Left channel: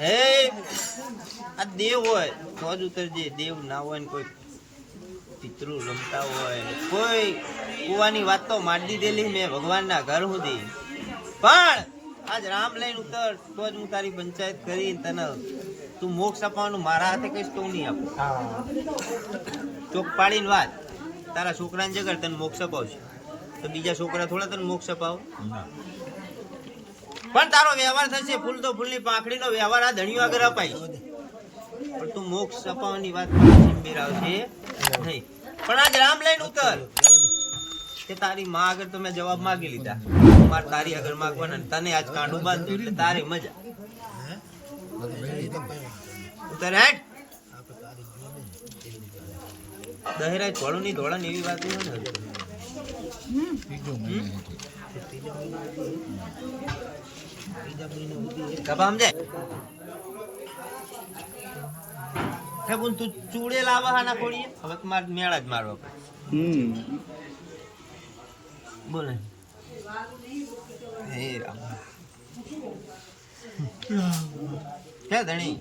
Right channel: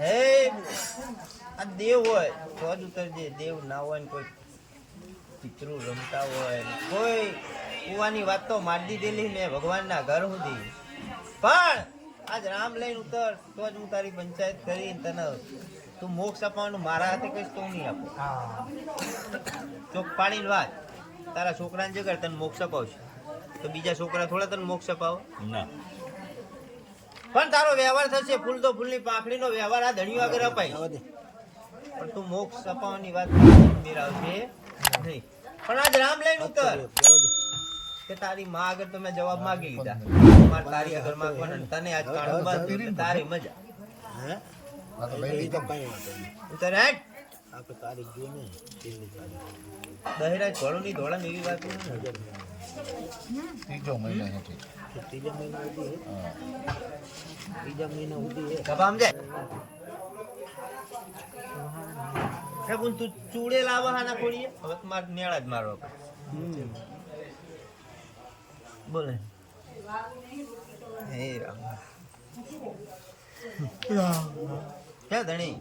હે? આ દેવ હોય, તો જ ઉતરજે દેવ ના હોય ને કોઈ પિતૃ રમતા હોય. કોઈ કુવાની વાત તો મારી દીધેલી મેં ભગવાનના ઘર સુધી. પણ આજ રામ લઈને ઉતર, તો જ હું તારી પંચાયત કરી તને તું મોક્ષ અપાવવાનું મારા હાથે કહીશ તો નહીં આપું. ચોક પાડીને વાત. તારા છોકરાને જગર તને મોક્ષ અપાવશે. તો બીજા છોકરા થોડા તને મોક્ષ અપાવો? પણ તારો વ્યવહાર થશે. ફૂલ તો ફૂલની પાંખડીનો વ્યવહાર આ ધણીઓ આગળ અપાય. પણ તું મોક્ષ અપાવવાની વાત આવશે નહીં. પણ આજ રામ લઈને ઉતર. કે તારી માં આગળ તો મેં જવાબ માગી લીધા. મારે તારી આગળ માગવાના ને તને આજ કાંડું બાંધ્યું એટલે તારી મજા. ઉતર હેઠ દહેરાજ ઘોડું ની ધોળા એવી વાત મારે મેળા જ મારવા પડે. બોલે. હે રામ. હે ધણી,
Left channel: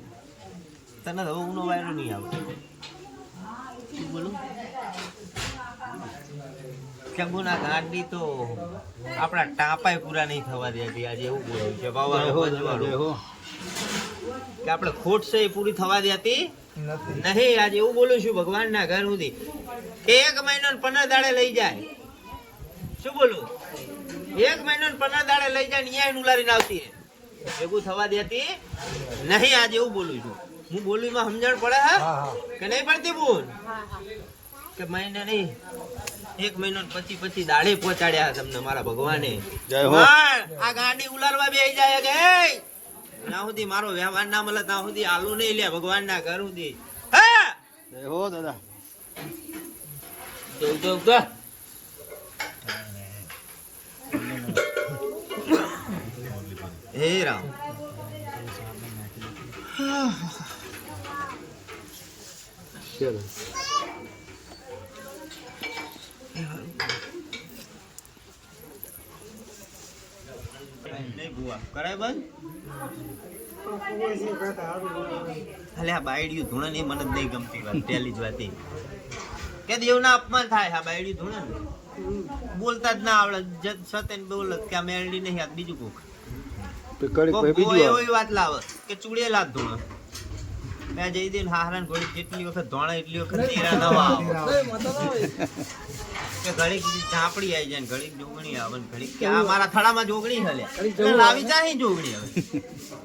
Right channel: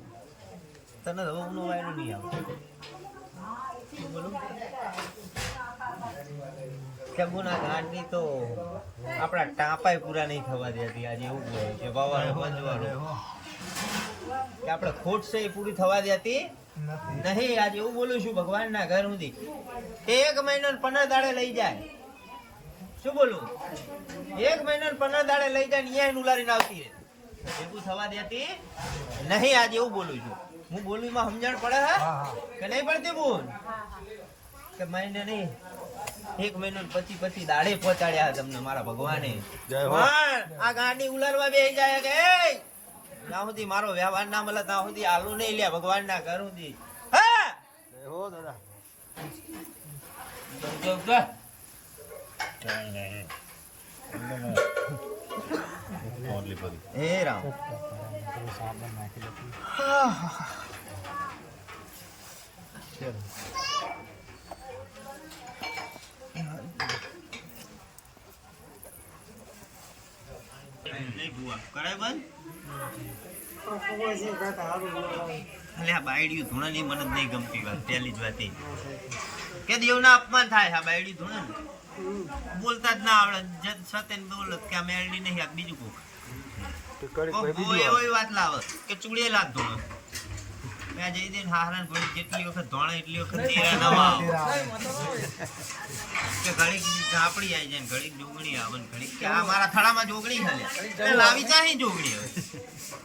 તને હવે ઉનો વાયરો નહીં આવે બોલું? કે ગુના ગાંડી તો આપણા ટાપાય પૂરા નહીં થવા દેતી આજે એવું બોલું કે બાબા કે આપણે ખોટ છે પૂરી થવા દેતી નહીં આજે એવું બોલું છું ભગવાનના ઘર સુધી. કે એક મહિનો ને પંદર દાડે લઈ જાય. શું બોલું? એક મહિનો ને પંદર દાડે લઈ જાય ને અહીંયા ઉલારીને આવતી. ભેગું થવા દેતી નહીં આજે એવું બોલું છું. હું બોલું એમાં સમજણ પડે હા. કે નહીં પડતી બોલ? કે મહિને નહીં. એક મહિનો પછી પછી દાડે પહોંચાડ્યા તમને મારા ભગવાને. આ ગાડી ઉલારવા બેસી જાય કે "એય, ત્યાં સુધી મારો વ્યવહાર ના મળે ત્યાં સુધી આલુ નહીં લે ભગવાન ના ઘર સુધી. હા? જોઈ જોઈ તો. હે રામ. નહીં ભુવા. કરાય બંધ? અલે આ બાયડિયું ધૂણની મને નહીં ગમતી વાત પહેલી જ વાત એ. કે દેવના અપમાન થાય આ બાયડી ધૂણે બોલતા જ ના આવડે જત સતેન કે આ મેળડી નહીં આ બીજું કોક. એવી વાત લાવે કે ચૂડેલા જ મેં જઈ દે હારણ ઘોડી જેટલી વખત ધોણા એટલી વખત તેરા નવા આવે. કે ઘડીક ઝાપડી આવી જાય ને ઘડીક જોગણી આવે ને ઘડીક કે આ મારા થડામાં જોગણી હલે લાવી જાય જોગણી હવે.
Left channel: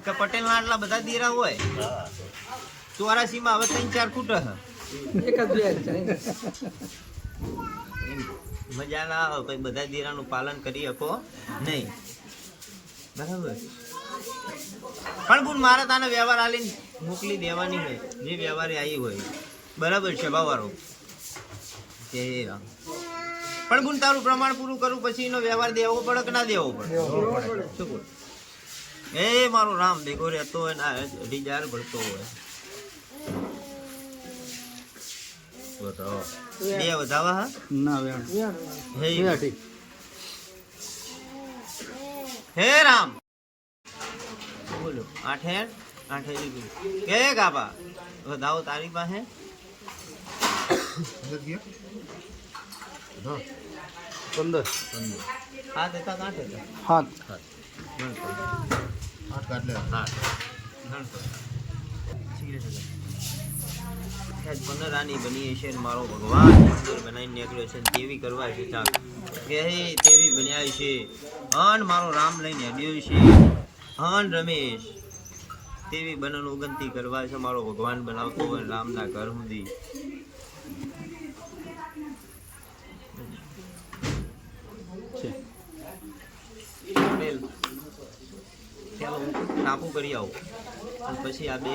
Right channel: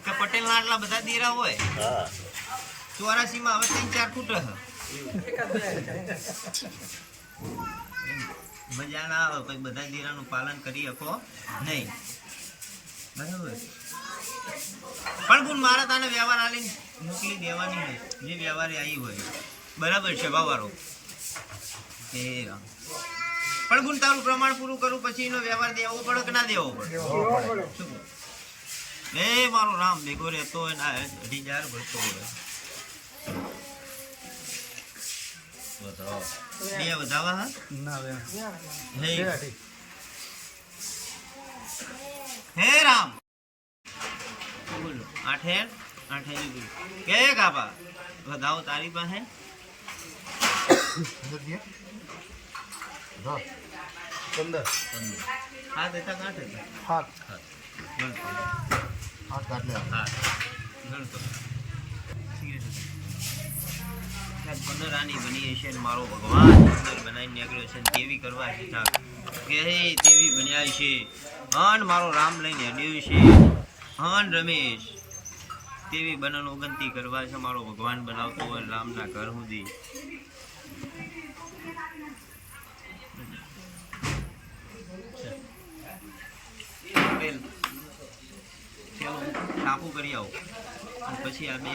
કે પટેલ આટલા બધા દીરા હોય. ચોરાસી માં હવે ત્રણ ચાર ફૂટ મજા ના આવે પછી બધા દીરાનું પાલન કરી શકો નહીં. બરાબર? પણ ગુણ મારા તાનો વ્યવહાર આલીને મોકલી દેવાની હોય. જે વ્યવહારે આવી હોય. બરાબર છે ભાવારો કે રામ પણ ગુણ તારું પ્રમાણ પૂરું કરું પછી એનો વ્યવહાર દેવો પડે કે ના દેવો પડે? શું એ મારો રામ ભેગો રહેતો હોય ના અઢી હજાર ભરતો હોય. બે વધાવા હા? હે હે રામ. બોલો આઠે? આઠે લીધું કે કાપા વધાવો તારી પાસે. હા. દેતા કાંઠે. હા. પંદર આની બની ને મારો ભગવાન સુંદર બનાવી નીકળ્યો છે તેવી કરવા છે ચાક કે તેવી બન્યા છે અન મારો રામ લઈને હેડ્યો છે અન રમેશ તેવી બનન ઓગંતી કરવા છે મારો ભગવાન બનાવતો હોય રામના ઘર સુધી. ટાપુ કરી આવો. અને પછી આ બે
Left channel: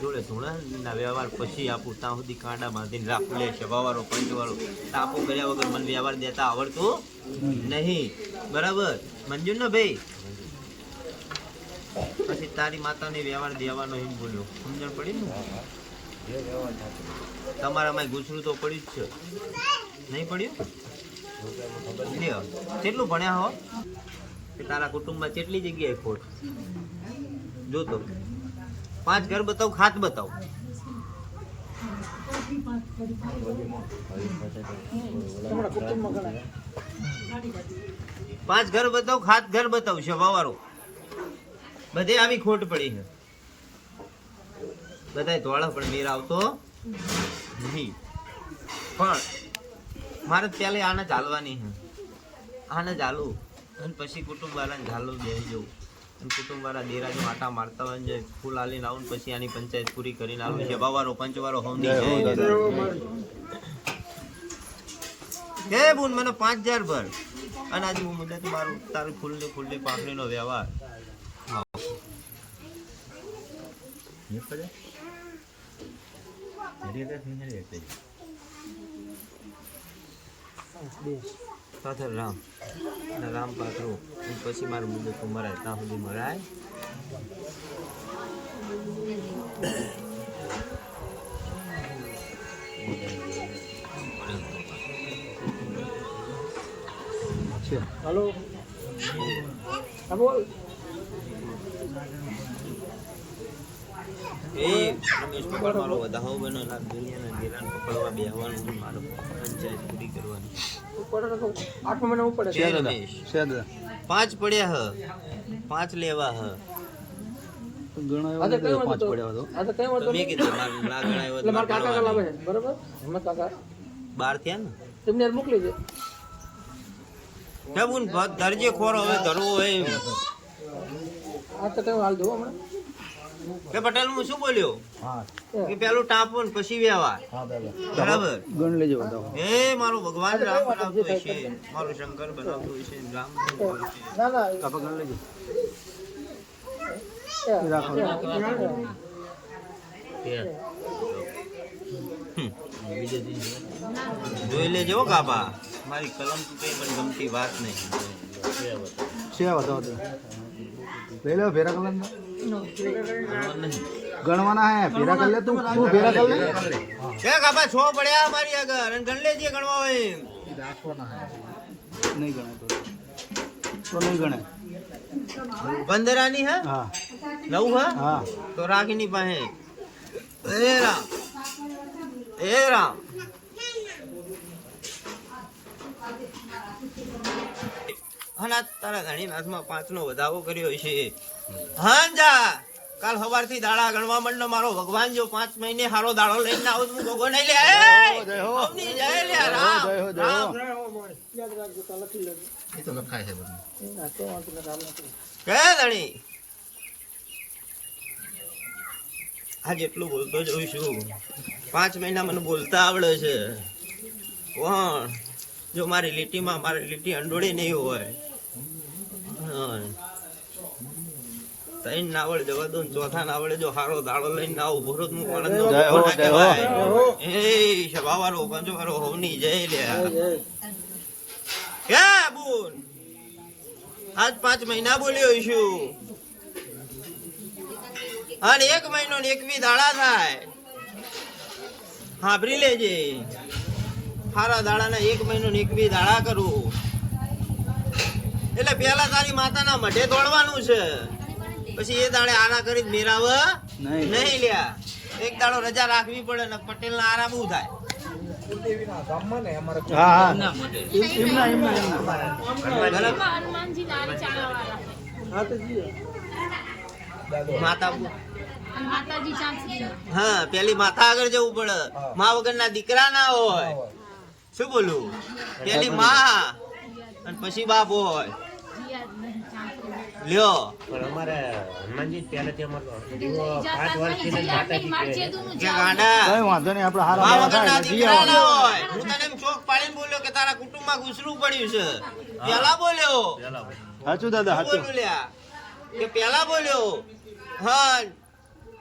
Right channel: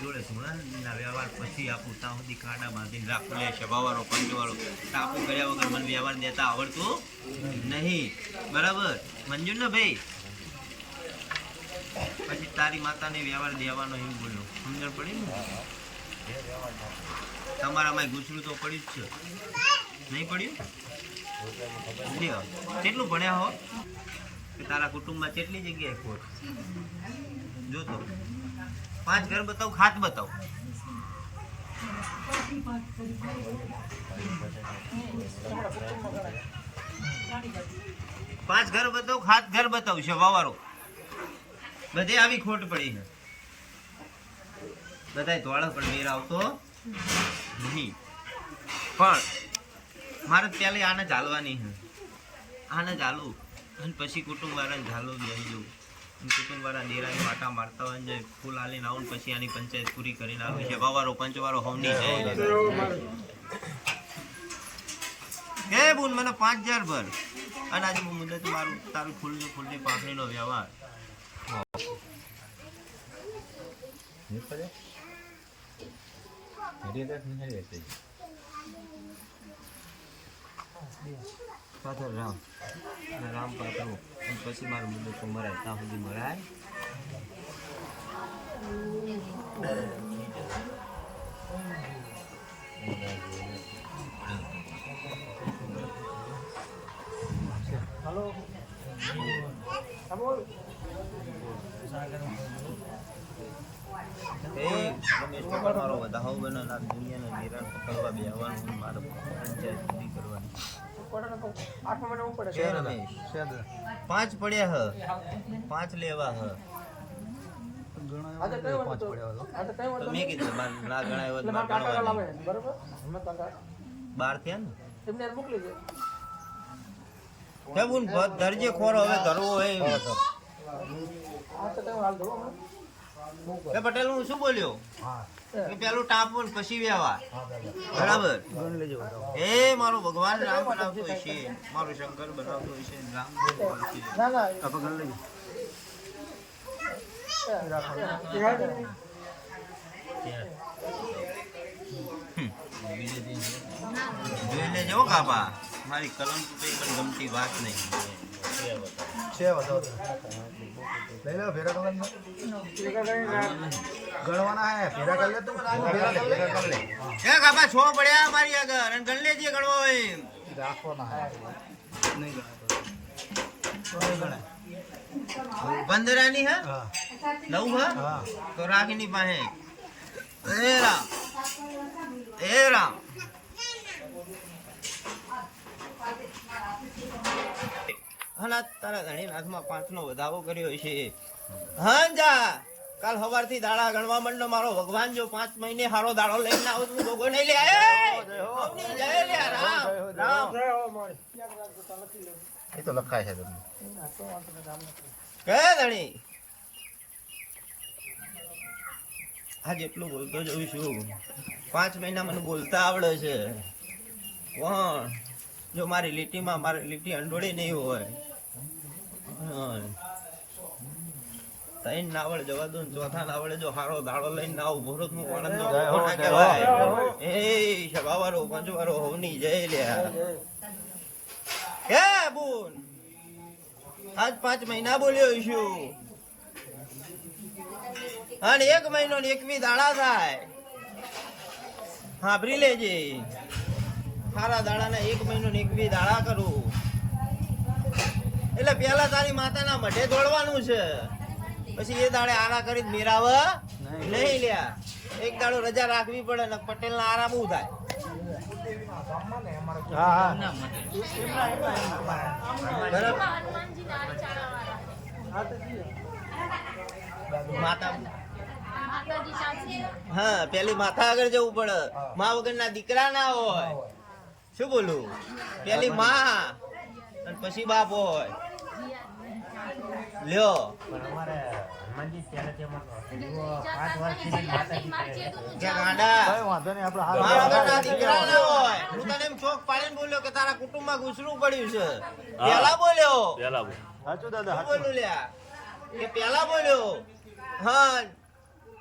જોડે ધૂણા વ્યવહાર પછી આપું. ત્યાં સુધી કાંડા બાંધીને રાખું. લે સભાવાળો પંચવાળો. ટાપુ કર્યા વગર મને વ્યવહાર દેતા આવડતું નહીં. બરાબર? મંજૂર ને ભાઈ પછી તારી માતાને વ્યવહાર દેવાનો એમ બોલ્યો. સમજણ પડી ને? તમારામાં ગુસરું તો પડ્યું જ છે. નહીં પડ્યું? લ્યો કેટલું ભણ્યા હો? કે તારા કુટુંબમાં કેટલી જગ્યાએ ખોટ? જોતો પાંચ ઘર બતાવ, ખાત બતાવ. પાંચ ઘર બતાવ, ખાત ઘર બતાવ છે, વાવારો. બધે આવી ખોટ પડી છે. બધાય ધોળા પણ મેર આવતો નહીં. પણ મારે પહેલાં આને ચાલવાની છે. આને ચાલુ અને પછી કુટુંબ વાળાને જઈ જવું. અને કુટુંબ વાળા દેરાની માટા મારતા હોય જે ફૂલ આલીને આવું પછી આની પંચાયત પૂરી કરીને આવે છે. બાવારો, પંચવારો, હોમની જઈ કે બોલ મને પાંચ હજાર ભર. અને આજે હું મુદત મારું તારું ફૂલની ફૂલની પાપડીનો વ્યવહાર આવો. પાછળ રામ અને રામ પાછળ અને પછી મારું મુદ્દો તો મરાય ત્યાં સુધી મરાય એ રમેશ પકડ મારો વધાવો બનો આ દુનિયાના નિરાન પકડવા બેહવાનું છે મારો પંચાયત પૂરી કરવાની. છે રમેશ? પાંચ પડ્યા હ. પાંચ લેવા હ. તો મેં કીધું માર ના ગણાય હોત માર ગણવાની. બાર થયા ને? ધરજે ખોરો હવે ધરવો હોય કે પટેલ હું શું બોલ્યો? કે પેલું ટાંપો ને પછી વ્યવહાર. બરાબર? એ મારો ભગવાન રામ બનાવતો હશે મારો શંકર બનાવતો હશે રામ. જોઈ લેજો કાપા મારી કલમ તૂટે પણ ગમતી વાત નહીં. લઈ લો ફેરા કલર ગણવાના હે ભેરા કર લે તું. તું ભેરા કર લે. કે કાપા છો પડ્યા મારી આગળ. અને ગણ લેજે ગણવા હોય રાખવાના હે. નહીં ગણે તો. નહીં ગણે. પંદરાની હા? નવ હા? તો રાખીની પાસે. એ રામ. એ રામ. હના તારા ઘણી નાથમાં પાંચનો વધારો કર્યો છે. હા જા. કાલ સવારથી દાડા ગણવા માંડો મારો ભગવાન જો પાંચ મહિને હારો દાડો લઈને આવું હું ભોગો નહીં લે. એ! રામ. રામ. તો લખાય છે તમને. કે ધણી. આ જેટલું બોલતો જોઉં છું. પાંચ મહિના મને બોલતા આવડે છે. કોણ? જો મારી લીટીમાં મારી લીટી અંડોળી નહીં હોય. હા. ત્રણ ના આવડે જવા દો ચોથા ના આવડે જો હારો દાડો લઈને ના આવું. ભરતનું પણ હો. કહેવાય. એ સભાવાળો પંચવાળો હોવની જય લ્યા કે બુન. આજ પાંચ મહિના બોલ્યો છું. અને એક મહિનો ને એકવી દાડા થાય. હાભરી લેજે. સારા દાડાના એક મહિનો ને એકવી દાડા કરું. એટલે પેલા તારી માતાના મઢે દોડવાનું છે. પછી એ દાડે આરા કરી મેરાવ નહીં. લ્યા. એક દાડો રજા રાખવી પડે ને પટેલ ના આરામ ઉ થાય? હા હા. માતા હા પેલી માથા આગળ જવું પડે. મા વગરના દીકરા ના હોય. શું બોલું? પેલી માં અને પછી બાપ હોય. લ્યો. કે ગાંડા. કઈ વાંધો નહીં આપણે હાલ મા વગરના દીકરા ના હોય. હું તને એમ ચોક પાડીને બોલ્યો કે તારા કુટુંબમાં ઘૂસરું પડ્યું છે. પેલા બોલ્યો? સાચું દાદા શું સાચું બોલું લ્યા? કે પેલા બોલ્યો? હા.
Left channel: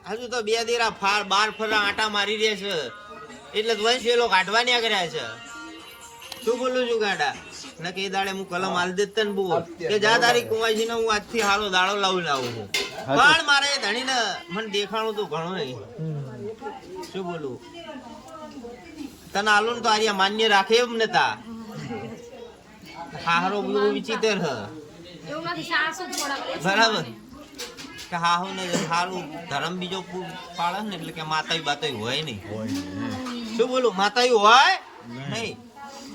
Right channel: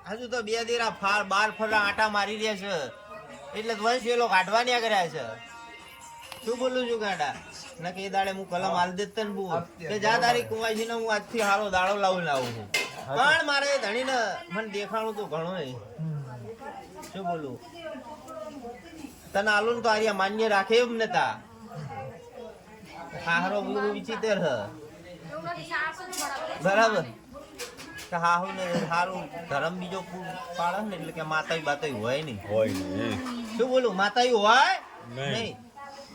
હજુ તો બે દેરા ફાર બાર ફરા આટા મારી રહ્યા છે. એટલે વંશ વેલો કાઢવા કર્યા છે. શું બોલું છું ગાડા? ના કે એ દાડે હું કલમ હાલ દેત તને બોલ. કે જા તારી કુંવાજી હું આજથી હારો દાડો લાવું આવું છું. પણ મારે ધણીને મને દેખાણું તો ઘણું નહીં. શું બોલું? તને આલો ને તો આર્યા માન્ય રાખે એમ નતા હારો બધું વિચિત્ર હ. બરાબર. કે હાહુ ને સારું ધર્મ બીજો પૂ- પાડે ને એટલે કે માતાઈ બાતાઈ હોય નહીં. શું બોલું? માતાઈ હોય નહીં.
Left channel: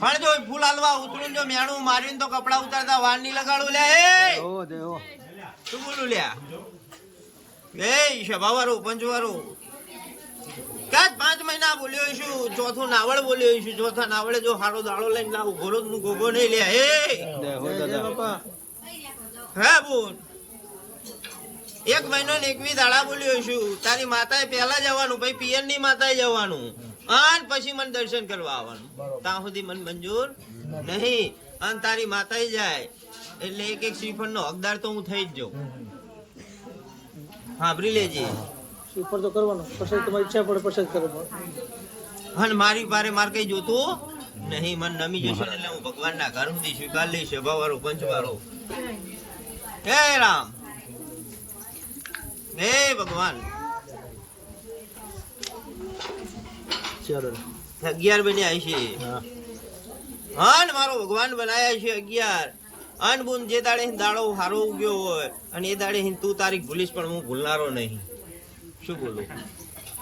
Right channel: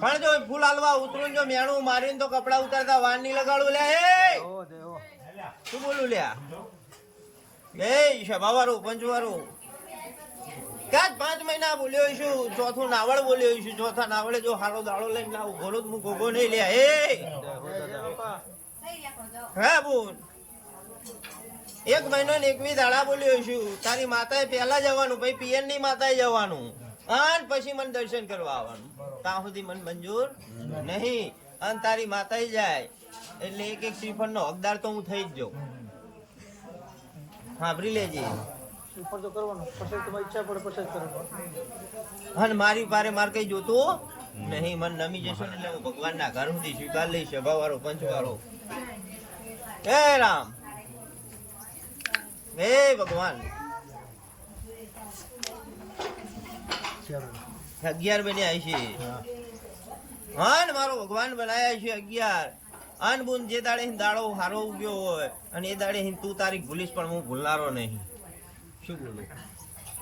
પણ જો ફૂલ હાલવા ઉતરું જો મેણું મારીને તો કપડા ઉતારતા વાર નહીં લગાડું લે એ શું બોલું લ્યા? એ સભાવાળું પંચવાળું. વાળું કાચ પાંચ મહિના બોલ્યો છું ચોથું નાવળ બોલ્યો છું ચોથા નાવળે જો હારો દાડો લઈને ના ઊભો હું ગોગો નહીં લે હે! હે બોલ એક મહિનો ને એકવી દાડા બોલ્યો છું તારી માતાએ પહેલા જવાનું પછી પિયરની માતાએ જવાનું. અને પછી મને દર્શન કરવા આવવાનું. ત્યાં સુધી મને મંજૂર નહીં. અને તારી માતા જાય એટલે એક એક શ્રીફળ નો હકદાર તો હું થઈ જ જાઉં. સાંભળી લેજે. શ્રીફળ તો કરવાનો પછી તમારી ઈચ્છા પડે પછી કરવાનો. અને મારી પારે માર કઈ જોતું નહીં. મન નમી જશો ને એટલે હું ભગવાનના ઘર સુધી સ્વીકાર લઈશ સભાવાળો પંચવાળો. હે રામ. હે ભગવાન. ચાલો. અગિયાર બન્યા છે અન મારો ભગવાન બનાયા છે અગિયાર. અન બુન જે દાડે દાડો હારો ઉગ્યો હોય અને એ દાડે તું તારીખ ભૂલીશ પણ હું ભૂલનારો નહીં. શું બોલું?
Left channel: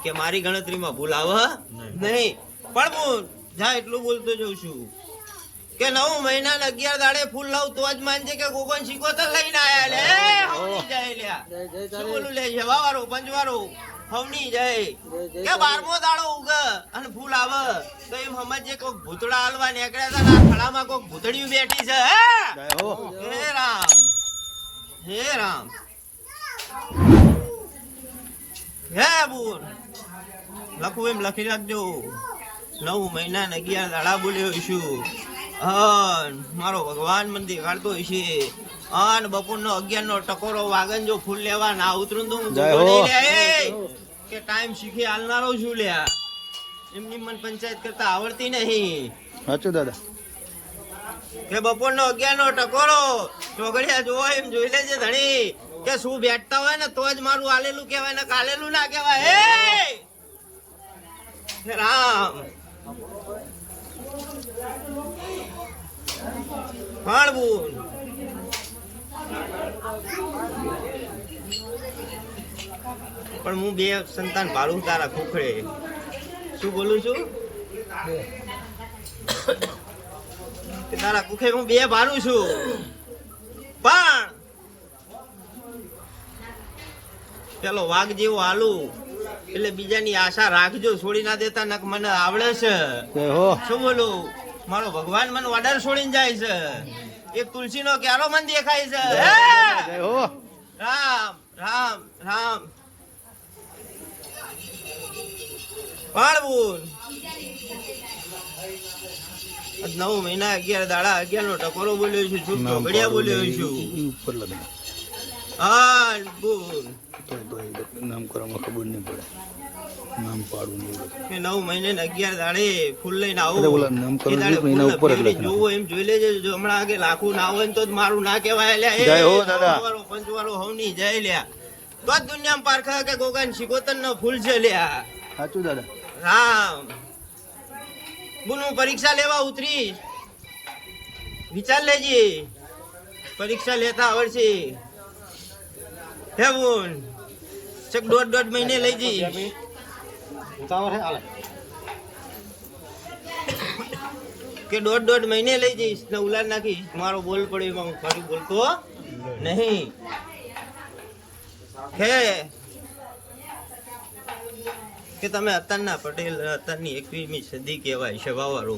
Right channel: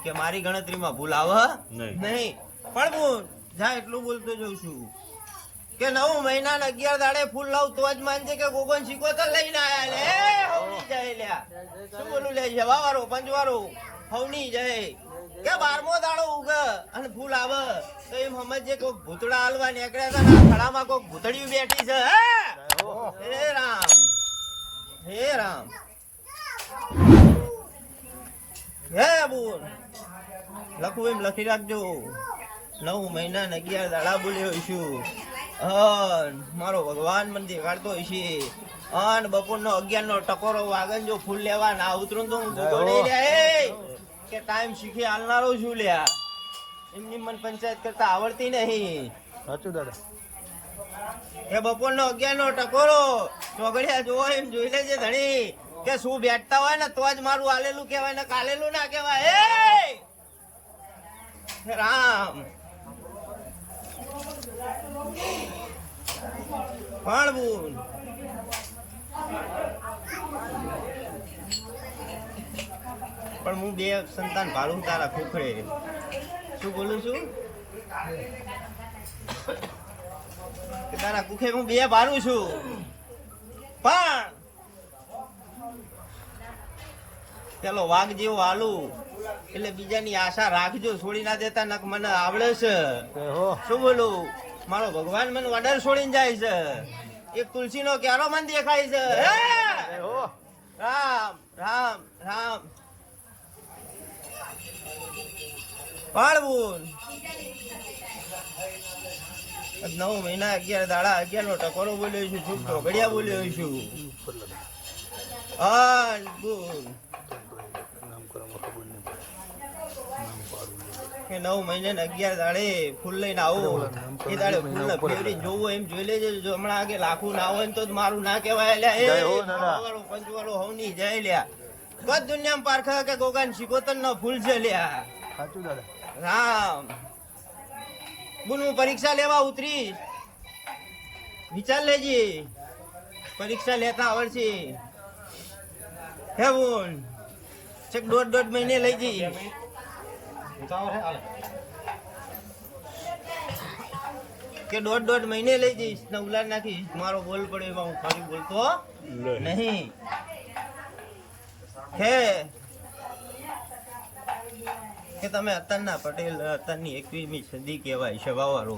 કે મારી ગણતરીમાં ભૂલ આવે નહીં. પણ બુન જા એટલું બોલતો જઉં છું કે નવ મહિના ને અગિયાર દાડે ફૂલ લાવ તો જ માનજે કે ગોગન શીખોતર લઈને આયા લે. હવની જાય લ્યા. શું બોલું લે જવાવાળો પંચવાળો હવની જાય. કે બારમો દાડો ઉગ અને ફૂલ આવે. તો એમ સમજે કોક ભૂતડા હાલવા નીકળ્યા હતા ને ખડામાં કોક ભૂતડિયું બેઠી છે હે? રામ. હે રામ. હે બોલ. લખવું એમ લખી રાખજો. નવ મહિના ને અગિયાર દાડા બોલ્યો છું. મારો ભગવાન મને દેખાડતો છે અન બપોરનો અગિયાર નો ટકોરો વાગન જો ફૂલ લેવા ના ઉતરું તો હું. કે ટાઈમ શીખી હાલનારો છું લ્યા. એમની મન પંચાયત કરતા આવડતી નહીં. સાચું દાદા. કે બપોરનો અગિયાર નો ટકોરો ચોગડિયા જોવો એમ જોઈ લેજે ધણી. કે શું બેઠતા હોય ને તો જ મારું આલેલું કહેવાય ને કાલેલું ના કહેવાય. હે રામ. પણ પણ હું બે સંતાન ભાડું તારા ખોખરે શું બોલું છું? કે તારા કુખે હું બે ભાડું છું. પણ પેલો વાઘ જેવો હાલું. એટલે બીજાની આશા રાખજો છોડી ના દેતા નક મને આવડે છે. હો શું બોલું? મારો ભગવાન મને ઓર્ડર છોડીને જાય છે. એક તુલસી નો ક્યારો મન દેખાય છે. રામ રામ રામ. પાળવું નવ મહિના અગિયાર દાડા અગિયાર નો ટકોરો બોલ્યો છું ચૂપ ઘડિયા બોલ્યો છું. હા બોલ. નામ કરવામાં ખબર નહીં પડે. નામ પાડવું નવ મહિને અગિયાર દાડે ફૂલ લઈને આવો. એ દાડે ફૂલ. જોવું એમ જોઈ લેજે જો હમણાં આગે લાખું ના હોય તો મારું ના કહેવાય લ્યા. પંચવાળો જય લ્યા તો દુનિયામાં પારખા કે ગોગાન શિકોતર નો ફૂલ છે લ્યા સાચું દાદા. રામ. બોલ હું પરીક્ષા લેવા ઉતરીશ વિચાર લેજે. પરીક્ષા લેતા આવડશે. હે બોલ ચક દોઢ દોઢ મહિને લઈ જઈશ. કે દોઢ દોઢ મહિને લઈ જઈશ. ને ઉલાડ નાખીશ. મારો બોલ પડ્યો એમાં હું ફરી બોલતો નહીં. હે. કે તમે અત્યારના પટેલ અત્યારની એકવીસમી સદી કહેવાય સભાવાળો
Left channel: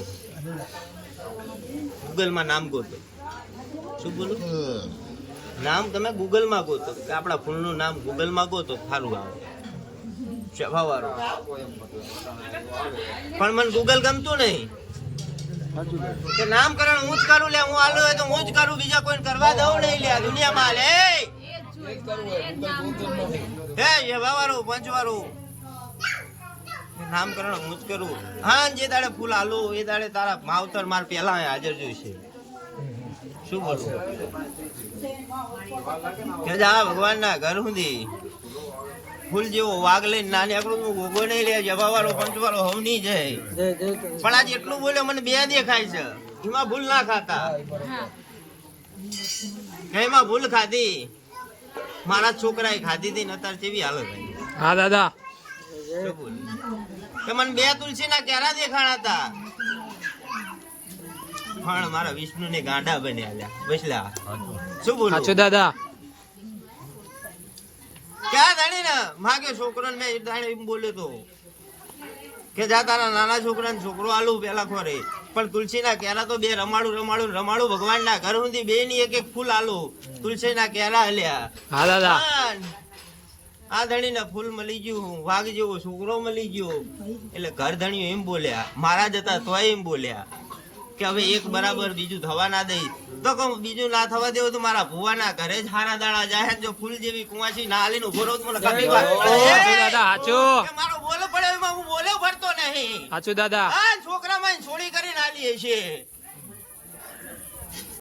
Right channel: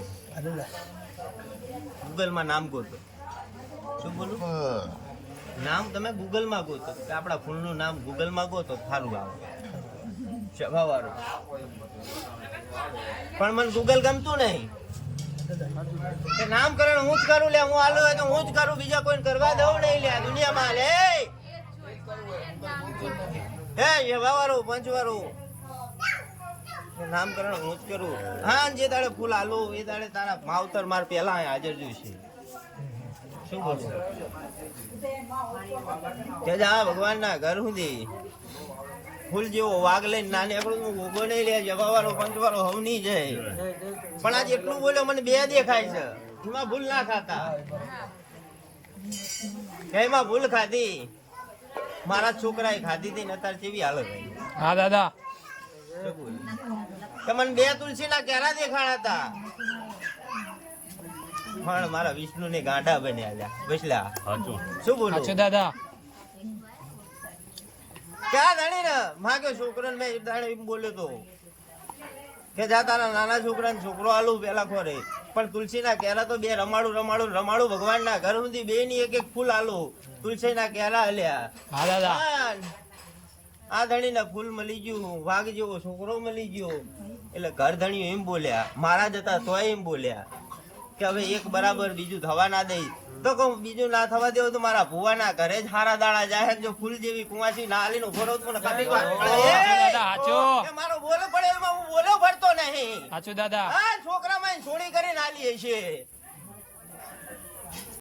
ગૂગલમાં નામ ગોતો. શું બોલું? નામ તમે ગૂગલમાં ગોતો. કે આપણા ફૂલનું નામ ગૂગલમાં ગોતો, સારું આવે. સ્વભાવવાળો પણ મને ગૂગલ ગમતું નહીં. કે નામકરણ હું જ કરું લે, હું આલો તો હું જ કરું, બીજા કોઈને કરવા દઉં નહીં લે દુનિયામાં લે હે વાવારો પંચવાળો નામકરણ હું જ કરું. હા જે દાડે ફૂલ આલુ એ દાડે તારા માવતર માર પેલા અહીં હાજર જોઈશે શું બોલું કે જા ભગવાનના ઘર સુધી. ફૂલ જેવો વાઘ લઈને નાની આપણું હું ઊભો નહીં લે જવાવાળો પંચવાળો હવ નહીં જાય. પણ આજ એટલું બોલ્યો મને બે દેખાય છે. એમાં ભૂલ ના ખાતા. એમાં ભૂલ ખાધી? મારા છોકરાએ ખાધી હતી ને અત્યારે કેવી હાલત હા દાદા. શું બોલું? કે બે તુલસી ના કેરા દેખાણા હતા પણ મારા વિષ્ણુ ને ગાંડા બન્યા બસલા શું બોલું? સાચું દાદા. ક્યાં ધણી ને? માગ્યો છોકરો ને મેં દાડે એમ બોલ્યો તો કે જા તારા નાના છોકરાને છોકરો આલું પેલા ખોરે. પણ તુલસીના કેરા તો બે રમાડું રમાડું રમાડું ભગવાનના ઘર સુધી બે ની એક એક ફૂલ આલું. તુલસીના કેરા હલ્યા હા દાદા. આ ધણીને ફૂલ મળી ગયું વાઘ જેવો છોકરો મળી ગયો. એટલે ઘર ધણીઓ એમ બોલ્યા મારા જતા તોય એમ બોલ્યા કે હવે એક બરાબર બીજું થવા ના દઈ. તો કહું બીજું ના થવા દેવું તો મારા ભુવાના ઘરે જ હારા દાણા જાય જો ફૂલ જેવી કુંવાસી ના આલીને ઊભો રહું મને કાપી વાત. દાદા સાચું મારો બોલો પડે હું બોલો ભરતો નહીં. સાચું દાદા. છોકરા માં છોડી કરીને હાલીએ છે